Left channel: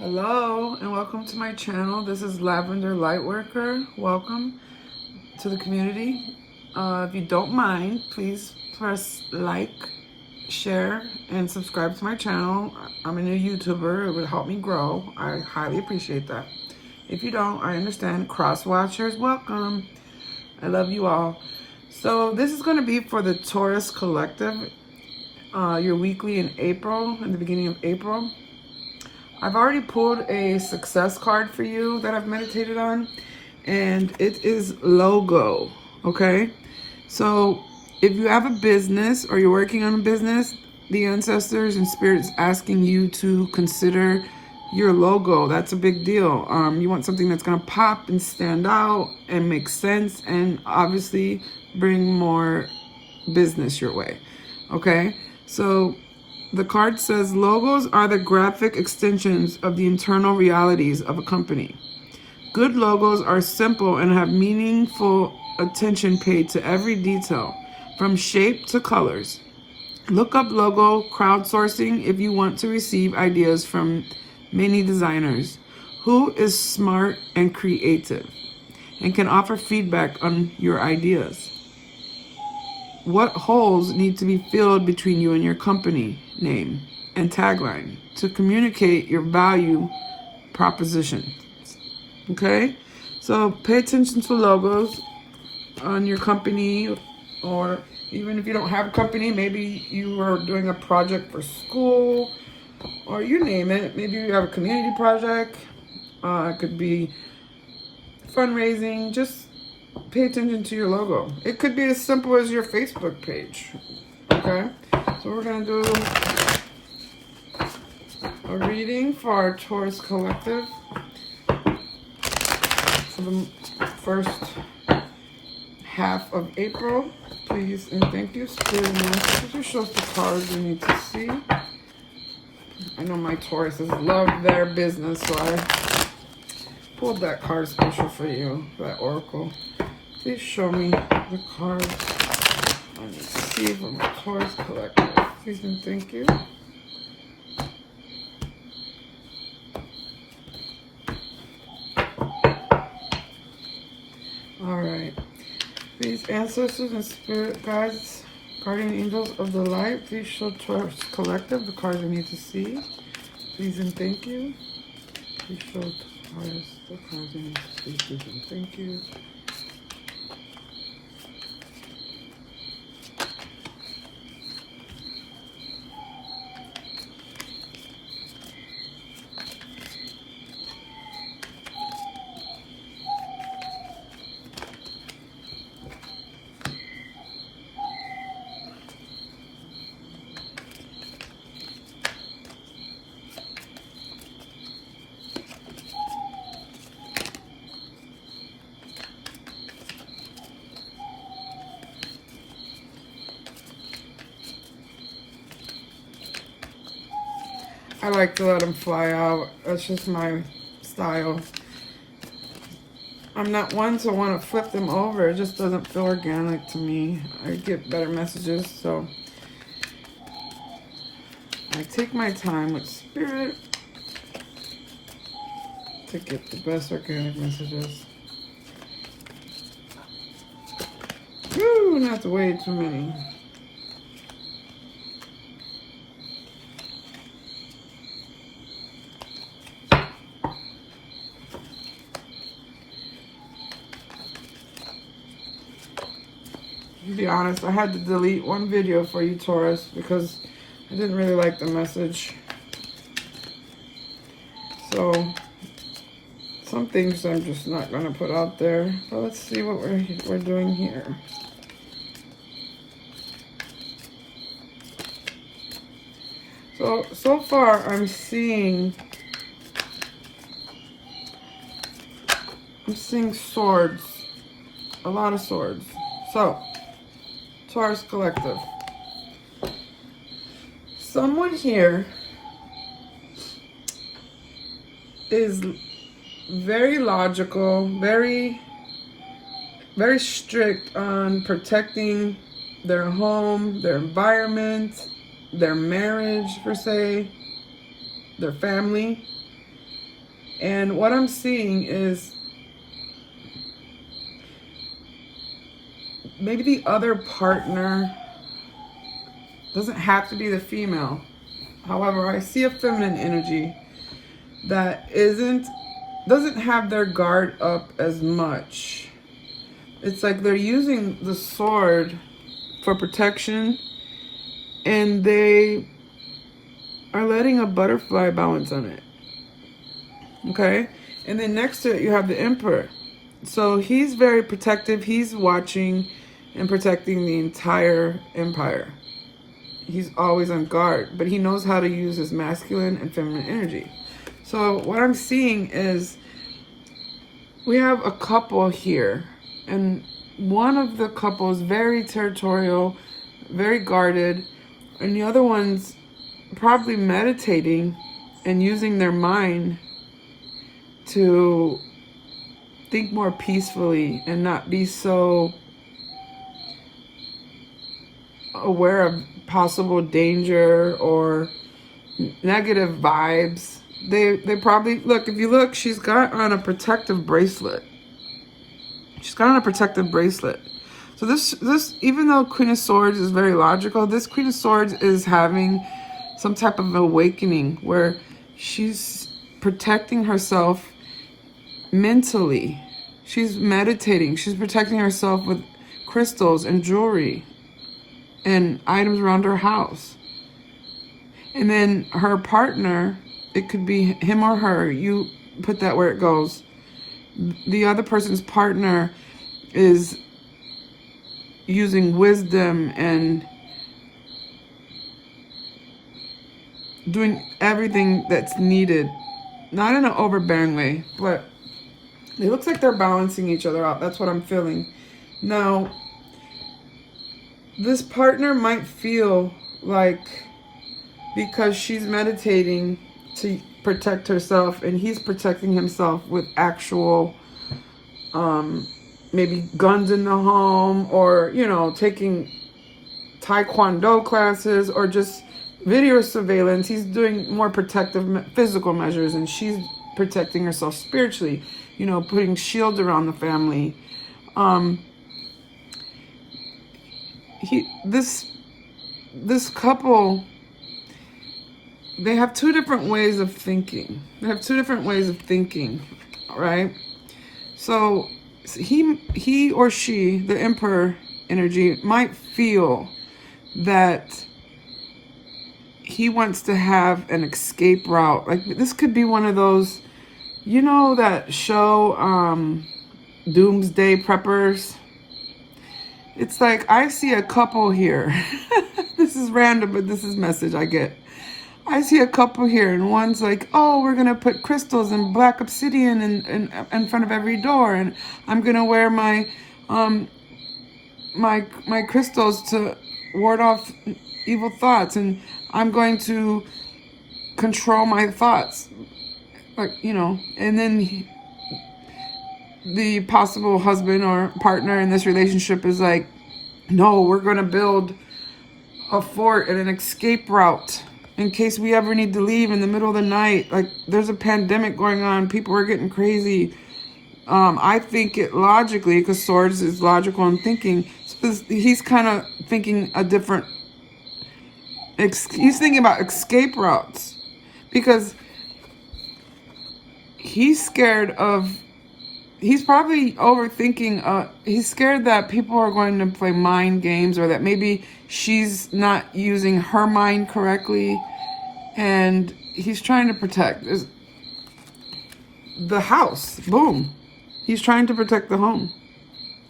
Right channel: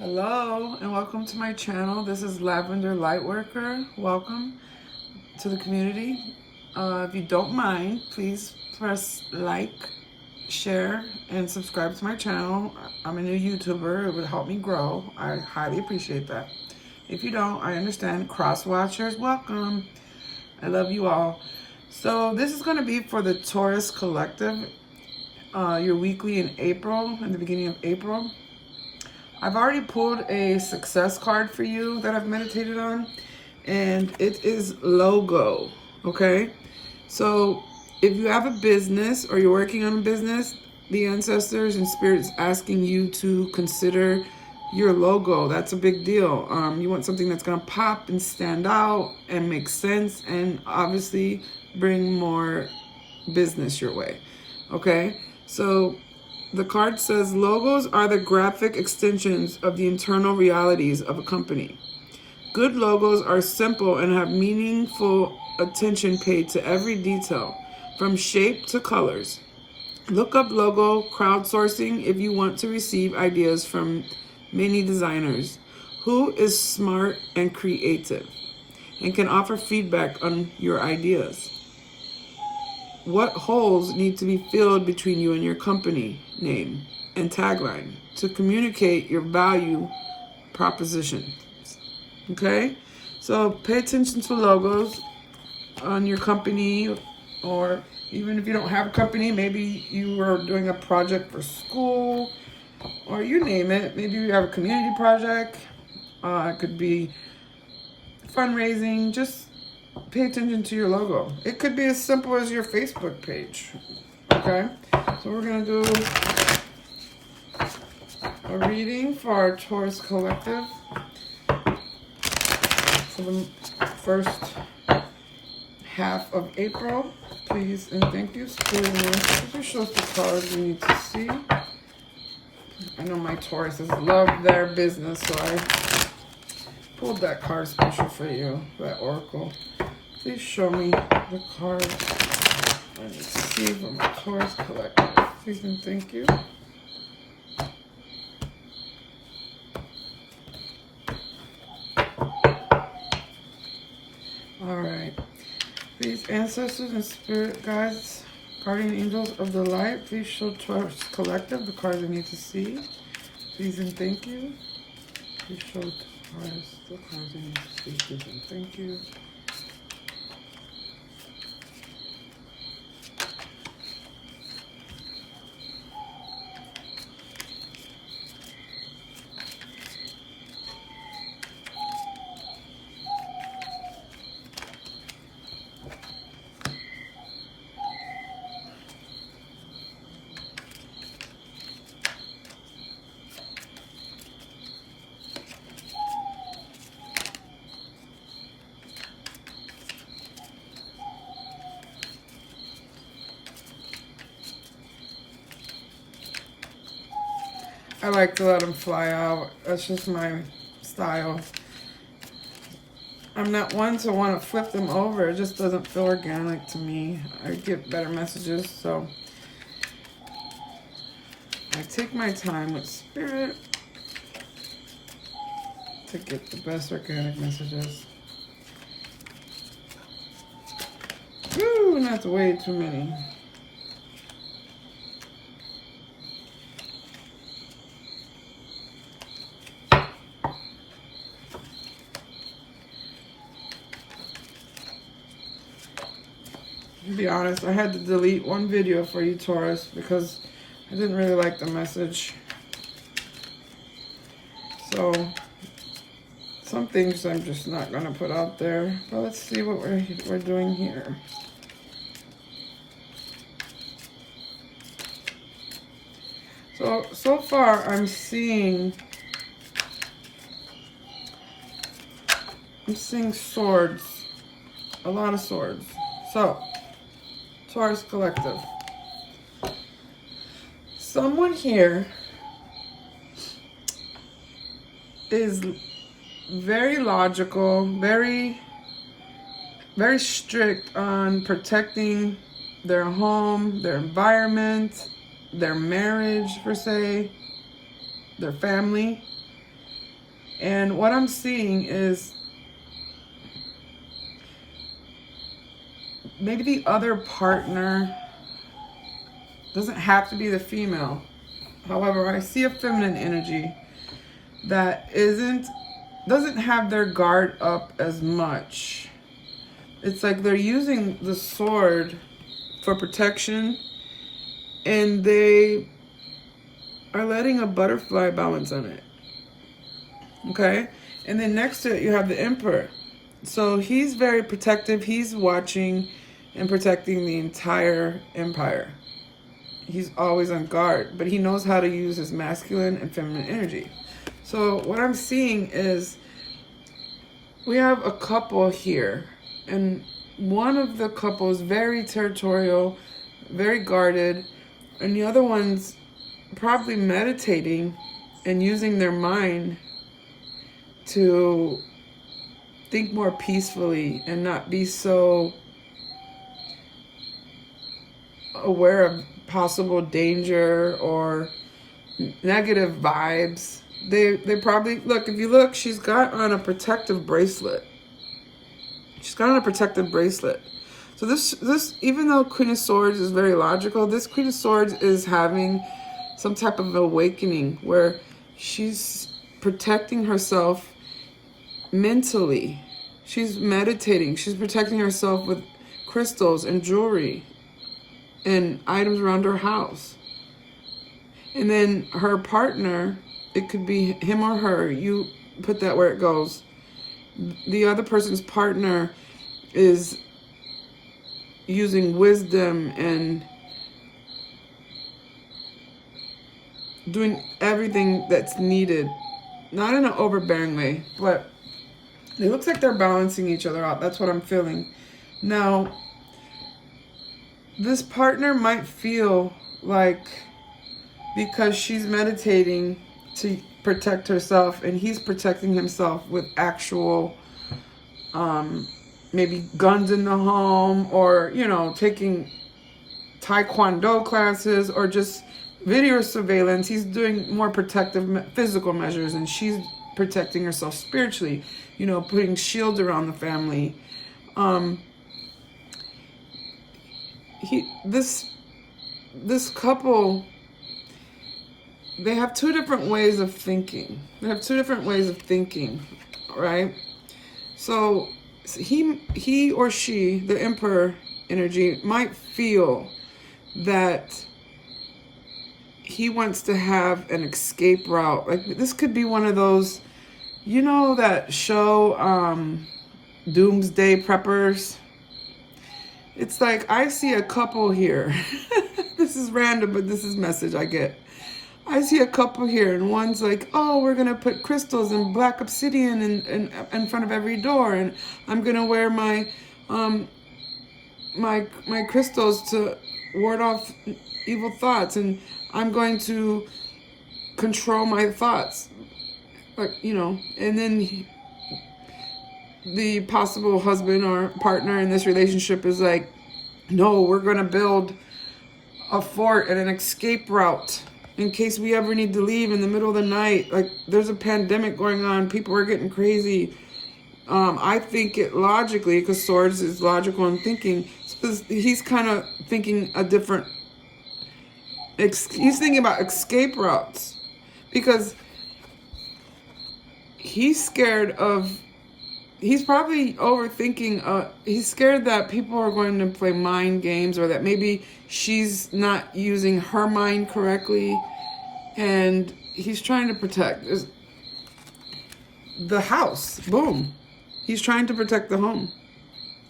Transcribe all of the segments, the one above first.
Hello and welcome to my channel. This is Lavenderlightworker. Welcome to the community. If you don't mind, please press like, share, and subscribe to my channel. I'm a new YouTuber. It would help me grow. I highly appreciate that. If you don't, I understand. Cross watchers, welcome. I love you all. So this is going to be for the Taurus Collective, your weekly in April, in the beginning of April. I've already pulled a success card for you that I've meditated on, and it is logo, okay? So if you have a business or you're working on a business, the ancestors and spirits asking you to consider your logo. That's a big deal. You want something that's gonna pop and stand out and make sense and obviously bring more business your way, okay? So the card says, logos are the graphic extensions of the internal realities of a company. Good logos are simple and have meaningful attention paid to every detail, from shape to colors. Look up logo crowdsourcing if you want to receive ideas from many designers who is smart and creative and can offer feedback on your ideas. What holes need to be filled between you and your company name and tagline to communicate your value proposition? Okay, so pay attention to logos on your company, or even if you don't have a company, maybe you are doing a project for school, or you name it. Maybe you have a community project. It could be fundraising. Just pay attention to your logo. It could be as simple as your Facebook page. Okay, so we're gonna do a reading for our Taurus Collective for the first half of April. Please and thank you. Spirit, could you show us the cards you need to see? I know my Tauruses love their business, so I pulled that card special for you, that oracle. Please show me the cards I need to see from my Taurus Collective. Please and thank you. Alright. Please, ancestors and spirit guides, guardian angels of the light, please show Taurus Collective the cards I need to see. Please and thank you. Please show Taurus the cards I need to see. Please and thank you. I like to let them fly out. That's just my style. I'm not one to want to flip them over. It just doesn't feel organic to me. I get better messages, so I take my time with spirit to get the best organic messages. Woo, not way too many. To be honest, I had to delete one video for you, Taurus, because I didn't really like the message. So some things I'm just not gonna put out there. But let's see what we're doing here. So far I'm seeing swords, a lot of swords. So Taurus Collective, someone here is very logical, very strict on protecting their home, their environment, their marriage per se, their family. And what I'm seeing is maybe the other partner doesn't have to be the female. However, I see a feminine energy that doesn't have their guard up as much. It's like they're using the sword for protection, and they are letting a butterfly balance on it. Okay? And then next to it, you have the Emperor. So he's very protective. He's watching and protecting the entire empire. He's always on guard, but he knows how to use his masculine and feminine energy. So what I'm seeing is we have a couple here, and one of the couple is very territorial, very guarded, and the other one's probably meditating and using their mind to think more peacefully and not be so aware of possible danger or negative vibes. They probably, look, if you look, she's got on a protective bracelet. She's got on a protective bracelet. So this, even though Queen of Swords is very logical, this Queen of Swords is having some type of awakening where she's protecting herself mentally. She's meditating. She's protecting herself with crystals and jewelry and items around her house. And then her partner, it could be him or her. You put that where it goes. The other person's partner is using wisdom and doing everything that's needed. Not in an overbearing way, but it looks like they're balancing each other out. That's what I'm feeling. Now, this partner might feel like because she's meditating to protect herself and he's protecting himself with actual maybe guns in the home, or taking taekwondo classes, or just video surveillance. He's doing more protective physical measures, and she's protecting herself spiritually, putting shields around the family. This couple, they have two different ways of thinking. Right? So he or she, the Emperor energy, might feel that he wants to have an escape route. Like, this could be one of those, that show, Doomsday Preppers. It's like, I see a couple here. This is random, but this is message I get. I see a couple here, and one's like, oh, we're going to put crystals and black obsidian in front of every door, and I'm going to wear my my crystals to ward off evil thoughts, and I'm going to control my thoughts. Like, and then the possible husband or partner in this relationship is like, no, we're going to build a fort and an escape route in case we ever need to leave in the middle of the night. Like, there's a pandemic going on. People are getting crazy. I think it logically, because Swords is logical and thinking. So he's kind of thinking a different... He's thinking about escape routes. Because he's scared of... He's probably overthinking. He's scared that people are going to play mind games, or that maybe she's not using her mind correctly. And he's trying to protect the house. Boom. He's trying to protect the home.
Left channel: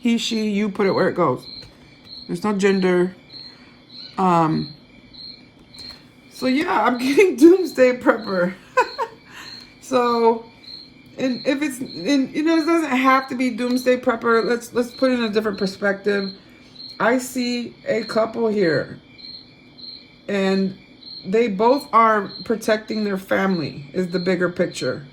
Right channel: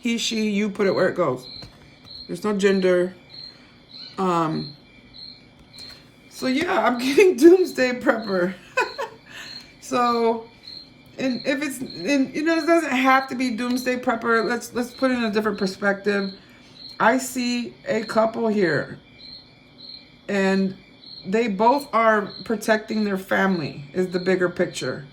He, she, you, put it where it goes. There's no gender. So yeah, I'm getting Doomsday Prepper. So... And if it's, it doesn't have to be Doomsday Prepper. Let's put it in a different perspective. I see a couple here, and they both are protecting their family, is the bigger picture.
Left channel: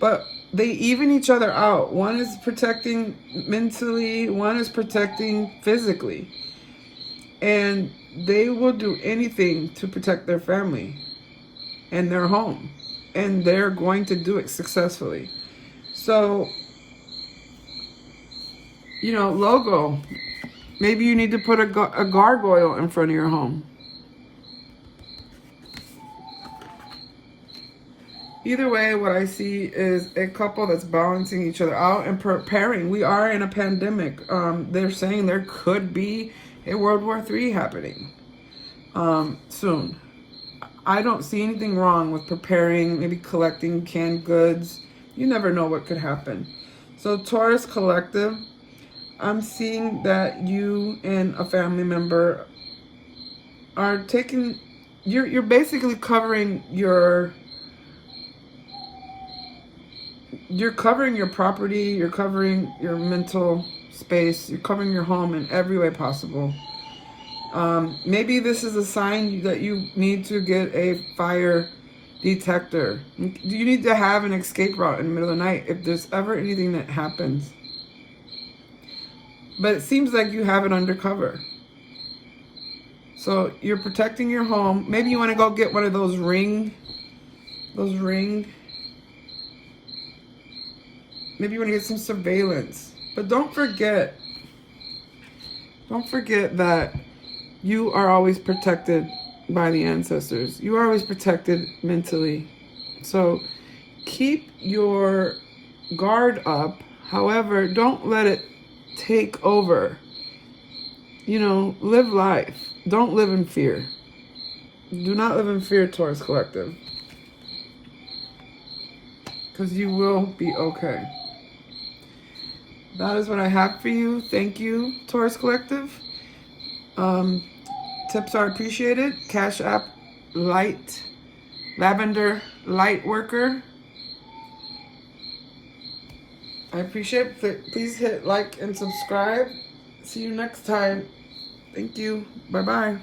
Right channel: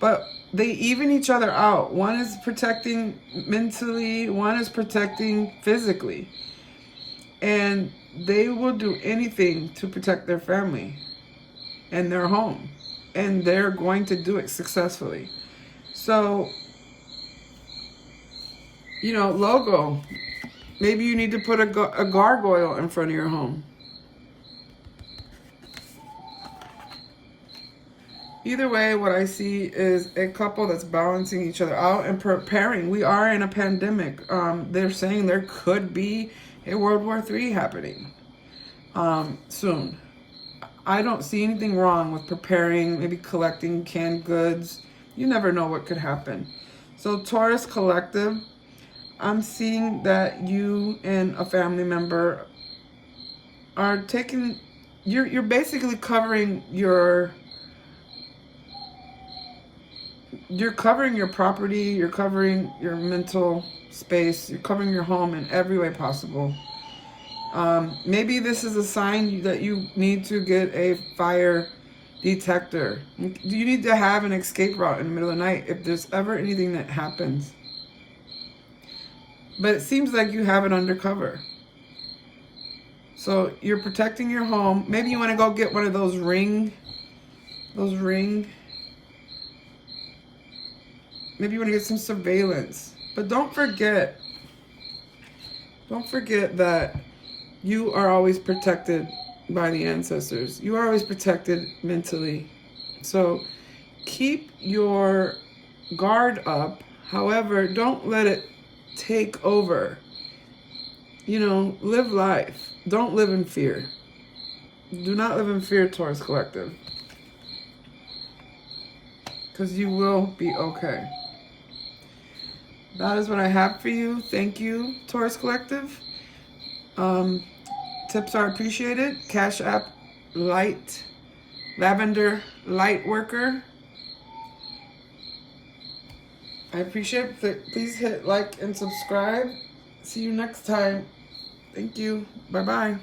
But they even each other out. One is protecting mentally, one is protecting physically. And they will do anything to protect their family and their home. and they're going to do it successfully. So, you know, logo. Maybe you need to put a gargoyle in front of your home. Either way, what I see is a couple that's balancing each other out and preparing. We are in a pandemic. They're saying there could be a World War III happening soon. I don't see anything wrong with preparing, maybe collecting canned goods. You never know what could happen. So Taurus Collective, I'm seeing that you and a family member are taking, you're basically covering your property, you're covering your mental space, you're covering your home in every way possible. Maybe this is a sign that you need to get a fire detector. You need to have an escape route in the middle of the night if there's ever anything that happens. But it seems like you have it undercover. So you're protecting your home. Maybe you want to go get one of those ring. Maybe you want to get some surveillance. But don't forget that you are always protected by the ancestors. You are always protected mentally. So keep your guard up. However, don't let it take over. You know, live life. Don't live in fear. Do not live in fear, Taurus Collective. Because you will be okay. That is what I have for you. Thank you, Taurus Collective. Tips are appreciated. Cash App Lavenderlightworker. I appreciate it. Please hit like and subscribe. See you next time. Thank you. Bye-bye.